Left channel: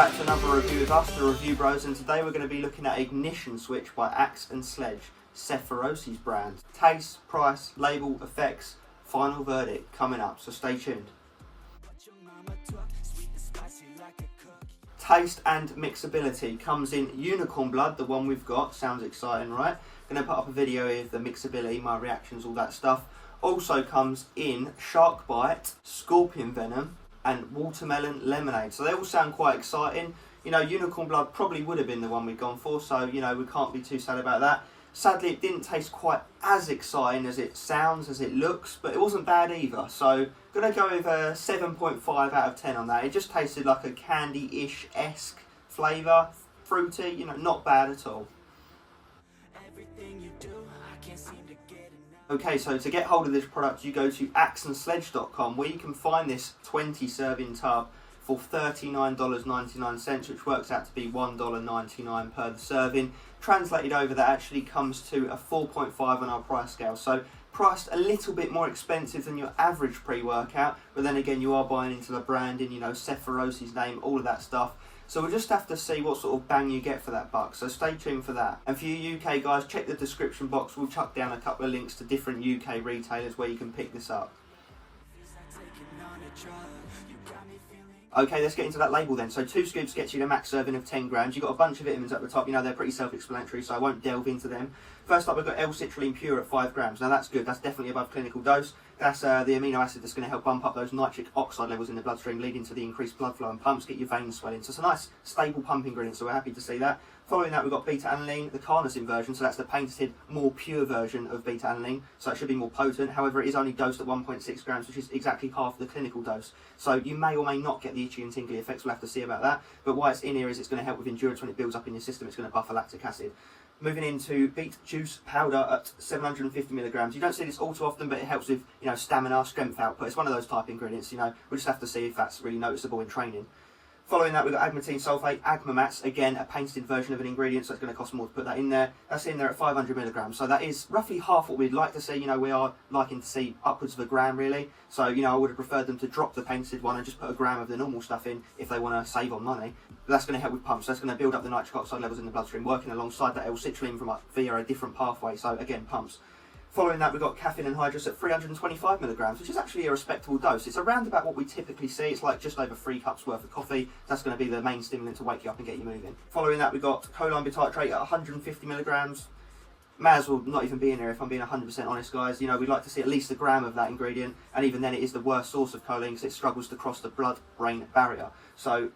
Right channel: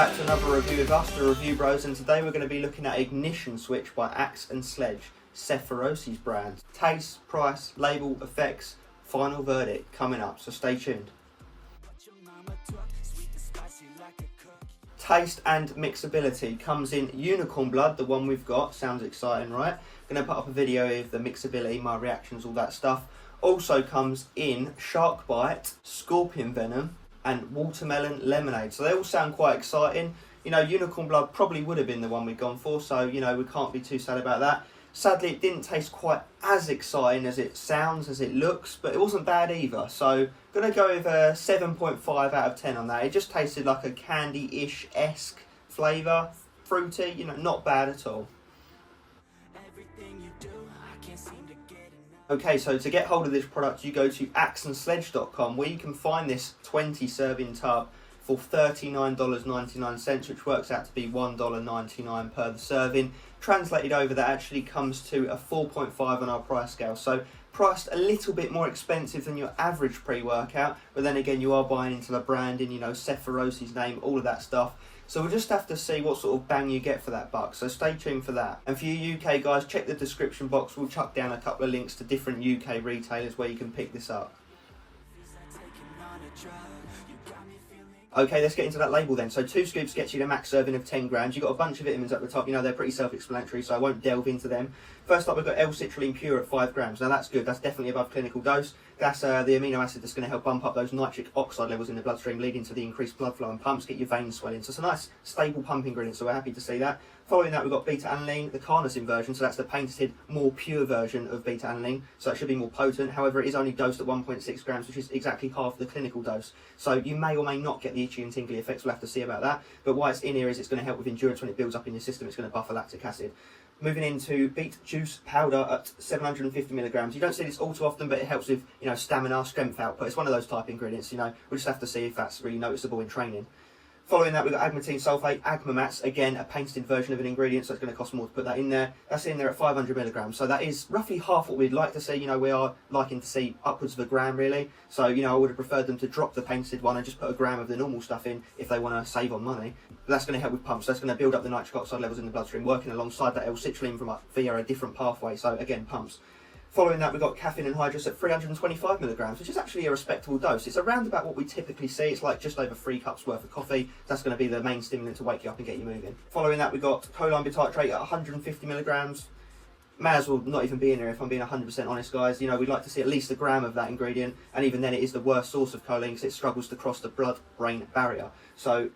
back to another review with us, the Review Bros, and today we're going to be looking at Ignition Switch by Axe and Sledge, Sephiroth's brand. Taste, price, label, effects, final verdict coming up, so stay tuned. Taste and mixability comes in Unicorn Blood, the one we've got. Sounds exciting, right? Going to put up a video of the mixability, my reactions, all that stuff. Also comes in Shark Bite, Scorpion Venom, and Watermelon Lemonade. So they all sound quite exciting. You know, Unicorn Blood probably would have been the one we'd gone for, so, you know, we can't be too sad about that. Sadly, it didn't taste quite as exciting as it sounds, as it looks, but it wasn't bad either. So, going to go with a 7.5 out of 10 on that. It just tasted like a candy-ish-esque flavour, fruity, you know, not bad at all. Everything you do, I can't seem to get enough. Okay, so to get hold of this product, you go to axeandsledge.com, where you can find this 20-serving tub for $39.99, which works out to be $1.99 per serving. Translated over, that actually comes to a 4.5 on our price scale. So priced a little bit more expensive than your average pre-workout, but then again, you are buying into the branding, you know, Sephiroth's name, all of that stuff. So we'll just have to see what sort of bang you get for that buck, so stay tuned for that. And for you UK guys, check the description box, we'll chuck down a couple of links to different UK retailers where you can pick this up. Okay, let's get into that label then. So 2 scoops gets you the max serving of 10 grams. You've got a bunch of vitamins at the top, you know, they're pretty self-explanatory, so I won't delve into them. First up, we've got L-citrulline pure at 5 grams. Now that's good, that's definitely above clinical dose. That's the amino acid that's going to help bump up those nitric oxide levels in the bloodstream, leading to the increased blood flow and pumps, get your veins swelling. So it's a nice, stable pump ingredient, so we're happy to see that. Following that, we've got beta-alanine, the carnosine version, so that's the patented, more pure version of beta-alanine, so it should be more potent. However, it is only dosed at 1.6 grams, which is exactly half the clinical dose. So you may or may not get the itchy and tingly effects, we'll have to see about that. But why it's in here is it's going to help with endurance when it builds up in your system, it's going to buffer lactic acid. Moving into beet juice powder at 750 milligrams. You don't see this all too often, but it helps with, you know, stamina, strength output. It's one of those type ingredients, you know. We'll just have to see if that's really noticeable in training. Following that, we've got agmatine sulfate, Agmamats, again, a patented version of an ingredient, so it's going to cost more to put that in there. That's in there at 500 milligrams, so that is roughly half what we'd like to see. You know, we are liking to see upwards of a gram, really. So, you know, I would have preferred them to drop the patented one and just put a gram of the normal stuff in if they want to save on money. But that's going to help with pumps. That's going to build up the nitric oxide levels in the bloodstream, working alongside that L-citrulline from via a different pathway. So, again, pumps. Following that, we've got caffeine anhydrous at 325 milligrams, which is actually a respectable dose. It's around about what we typically see. It's like just over 3 cups worth of coffee. That's going to be the main stimulant to wake you up and get you moving. Following that, we've got choline bitartrate at 150 milligrams. May as well not even be in there if I'm being 100% honest, guys. You know, we'd like to see at least a gram of that ingredient, and even then it is the worst source of choline because it struggles to cross the blood-brain barrier. So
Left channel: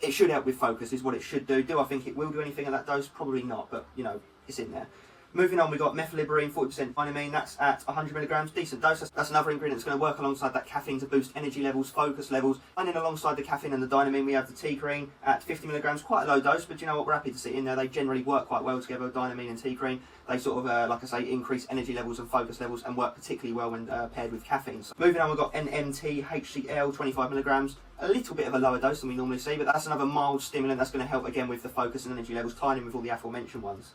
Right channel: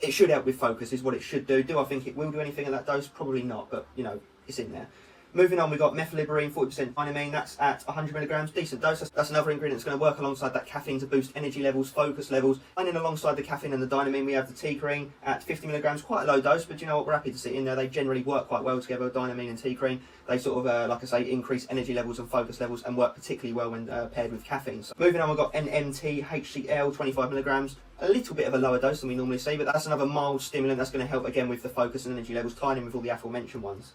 it should help with focus, is what it should do. Do I think it will do anything at that dose? Probably not, but, you know, it's in there. Moving on, we've got methylliberine, 40% dynamine, that's at 100 milligrams, decent dose. That's another ingredient that's going to work alongside that caffeine to boost energy levels, focus levels. And then alongside the caffeine and the dynamine, we have the T-cream at 50 milligrams, quite a low dose, but you know what, we're happy to see it in there. They generally work quite well together, dynamine and T-cream. They sort of, like I say, increase energy levels and focus levels and work particularly well when paired with caffeine. So moving on, we've got NMT, HCl, 25 milligrams. A little bit of a lower dose than we normally see, but that's another mild stimulant that's going to help again with the focus and energy levels, tying in with all the aforementioned ones.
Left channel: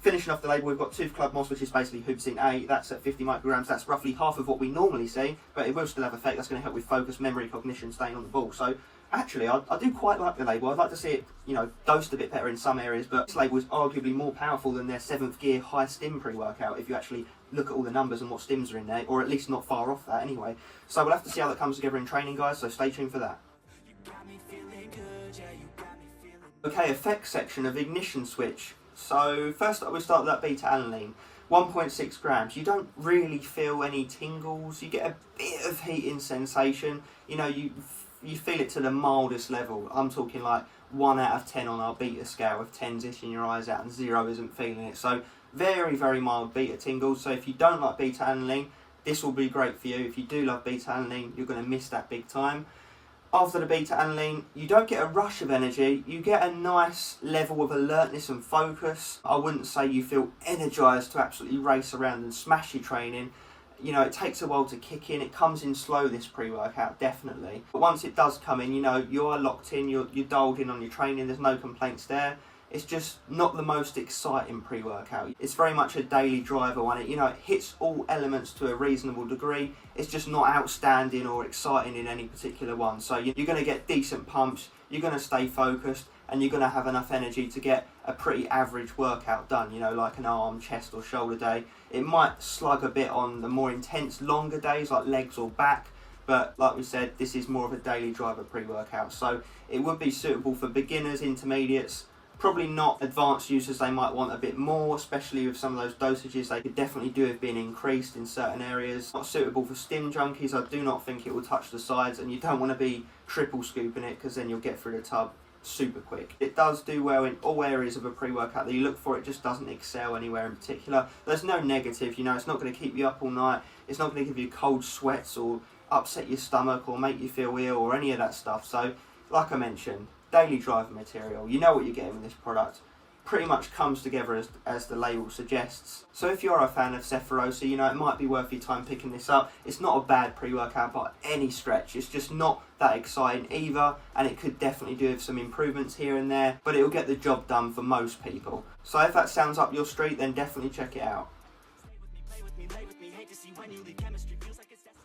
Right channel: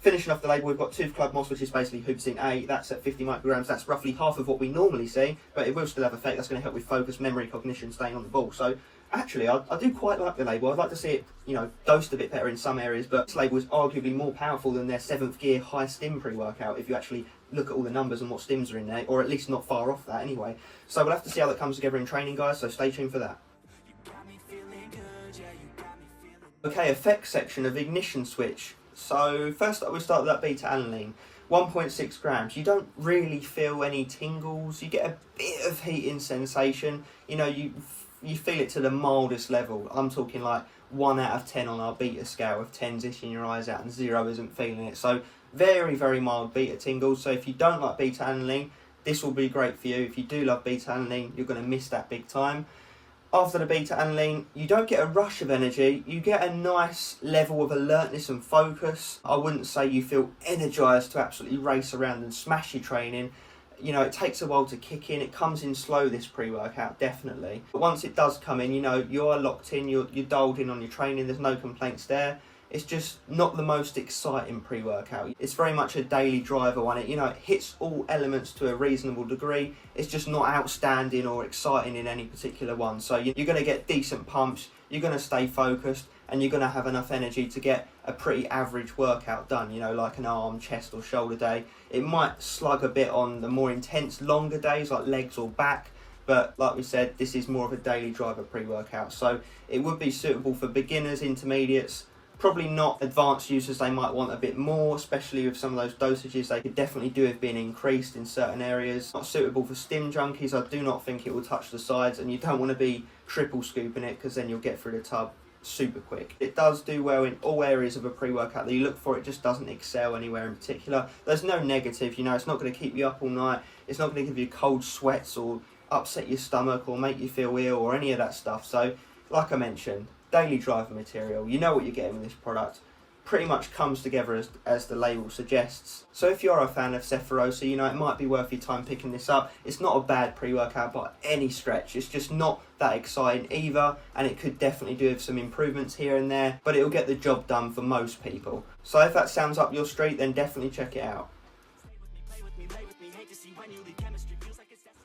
Finishing off the label, we've got Tooth Club Moss, which is basically Hubicin A. That's at 50 micrograms. That's roughly half of what we normally see, but it will still have effect. That's going to help with focus, memory, cognition, staying on the ball. So actually, I do quite like the label. I'd like to see it, you know, dosed a bit better in some areas, but this label is arguably more powerful than their 7th gear high stim pre-workout if you actually look at all the numbers and what stims are in there, or at least not far off that anyway. So we'll have to see how that comes together in training, guys, so stay tuned for that. Okay, effects section of Ignition Switch. So first up, we start with that beta-alanine, 1.6 grams. You don't really feel any tingles. You get a bit of heating sensation. You know, you feel it to the mildest level. I'm talking like 1 out of 10 on our beta scale, with 10's itching your eyes out and 0 isn't feeling it. So very, very mild beta tingles. So if you don't like beta-alanine, this will be great for you. If you do love beta-alanine, you're going to miss that big time. After the beta-alanine, you don't get a rush of energy, you get a nice level of alertness and focus. I wouldn't say you feel energised to absolutely race around and smash your training. You know, it takes a while to kick in. It comes in slow, this pre-workout, definitely. But once it does come in, you know, you're locked in, you're dialed in on your training, there's no complaints there. it's just not the most exciting pre-workout. It's very much a daily driver one. It hits all elements to a reasonable degree. It's just not outstanding or exciting in any particular one. So you're going to get decent pumps, you're going to stay focused, and you're going to have enough energy to get a pretty average workout done, like an arm, chest or shoulder day. It might slug a bit on the more intense, longer days like legs or back, but like we said, this is more of a daily driver pre-workout. So it would be suitable for beginners, intermediates, probably not advanced users. They might want a bit more, especially with some of those dosages. They could definitely do with being increased in certain areas. Not suitable for stim junkies. I do not think it will touch the sides, and you don't want to be triple scooping it because then you'll get through the tub super quick. It does do well in all areas of a pre-workout that you look for. It just doesn't excel anywhere in particular. There's no negative, it's not going to keep you up all night. It's not going to give you cold sweats or upset your stomach or make you feel ill or any of that stuff. So like I mentioned, daily driver material, you know what you're getting with this product. Pretty much comes together as the label suggests. So if you're a fan of Sephirosa, it might be worth your time picking this up. It's not a bad pre-workout by any stretch. It's just not that exciting either, and it could definitely do with some improvements here and there, but it'll get the job done for most people. So if that sounds up your street, then definitely check it out.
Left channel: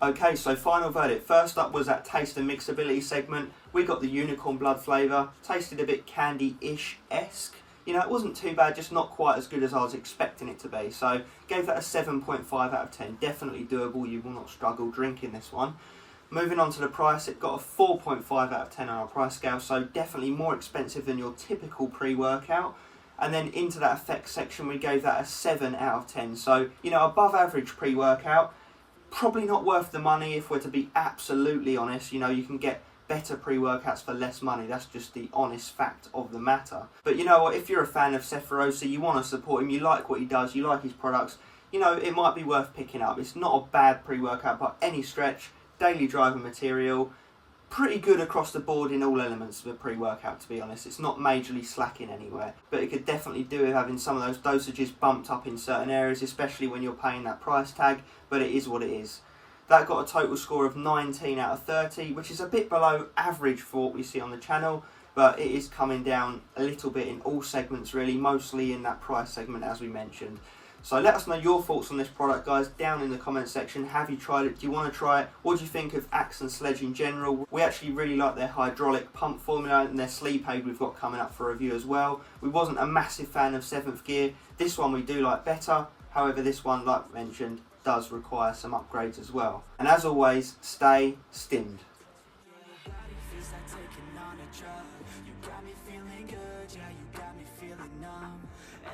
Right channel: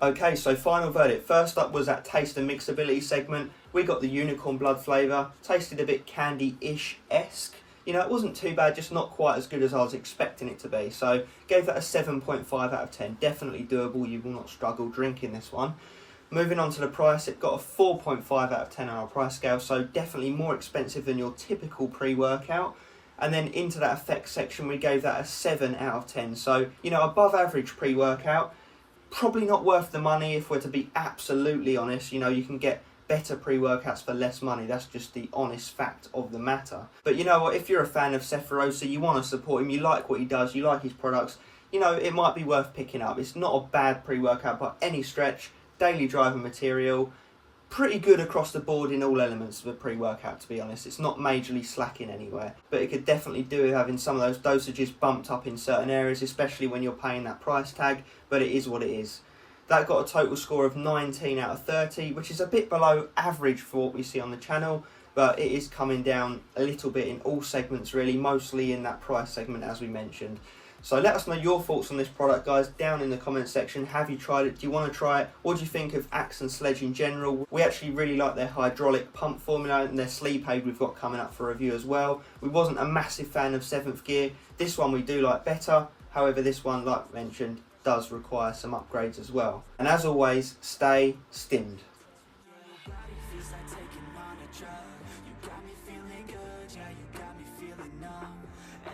Okay, so final verdict. First up was that taste and mixability segment. We got the unicorn blood flavour. Tasted a bit candy-ish-esque. It wasn't too bad, just not quite as good as I was expecting it to be. So gave that a 7.5 out of 10. Definitely doable. You will not struggle drinking this one. Moving on to the price, it got a 4.5 out of 10 on our price scale. So definitely more expensive than your typical pre-workout. And then into that effects section, we gave that a 7 out of 10. So, above average pre-workout. Probably not worth the money if we're to be absolutely honest. You can get better pre-workouts for less money. That's just the honest fact of the matter. But you know what, if you're a fan of Sephirosa, you want to support him, you like what he does, you like his products, it might be worth picking up. It's not a bad pre-workout by any stretch. Daily driver material, pretty good across the board in all elements of a pre-workout, to be honest. It's not majorly slacking anywhere, but it could definitely do with having some of those dosages bumped up in certain areas, especially when you're paying that price tag, but it is what it is. That got a total score of 19 out of 30, which is a bit below average for what we see on the channel, but it is coming down a little bit in all segments really, mostly in that price segment as we mentioned. So let us know your thoughts on this product, guys, down in the comment section. Have you tried it? Do you want to try it? What do you think of Axe and Sledge in general? We actually really like their hydraulic pump formula and their sleep aid we've got coming up for review as well. We wasn't a massive fan of 7th Gear. This one we do like better. However, this one, like mentioned, does require some upgrades as well. And as always, stay stimmed.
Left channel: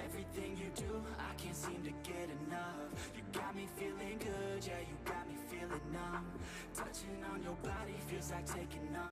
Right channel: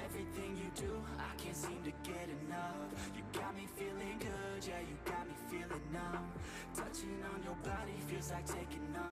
Everything you do, I can't seem to get enough. You got me feeling good, yeah, you got me feeling numb. Touching on your body feels like taking off.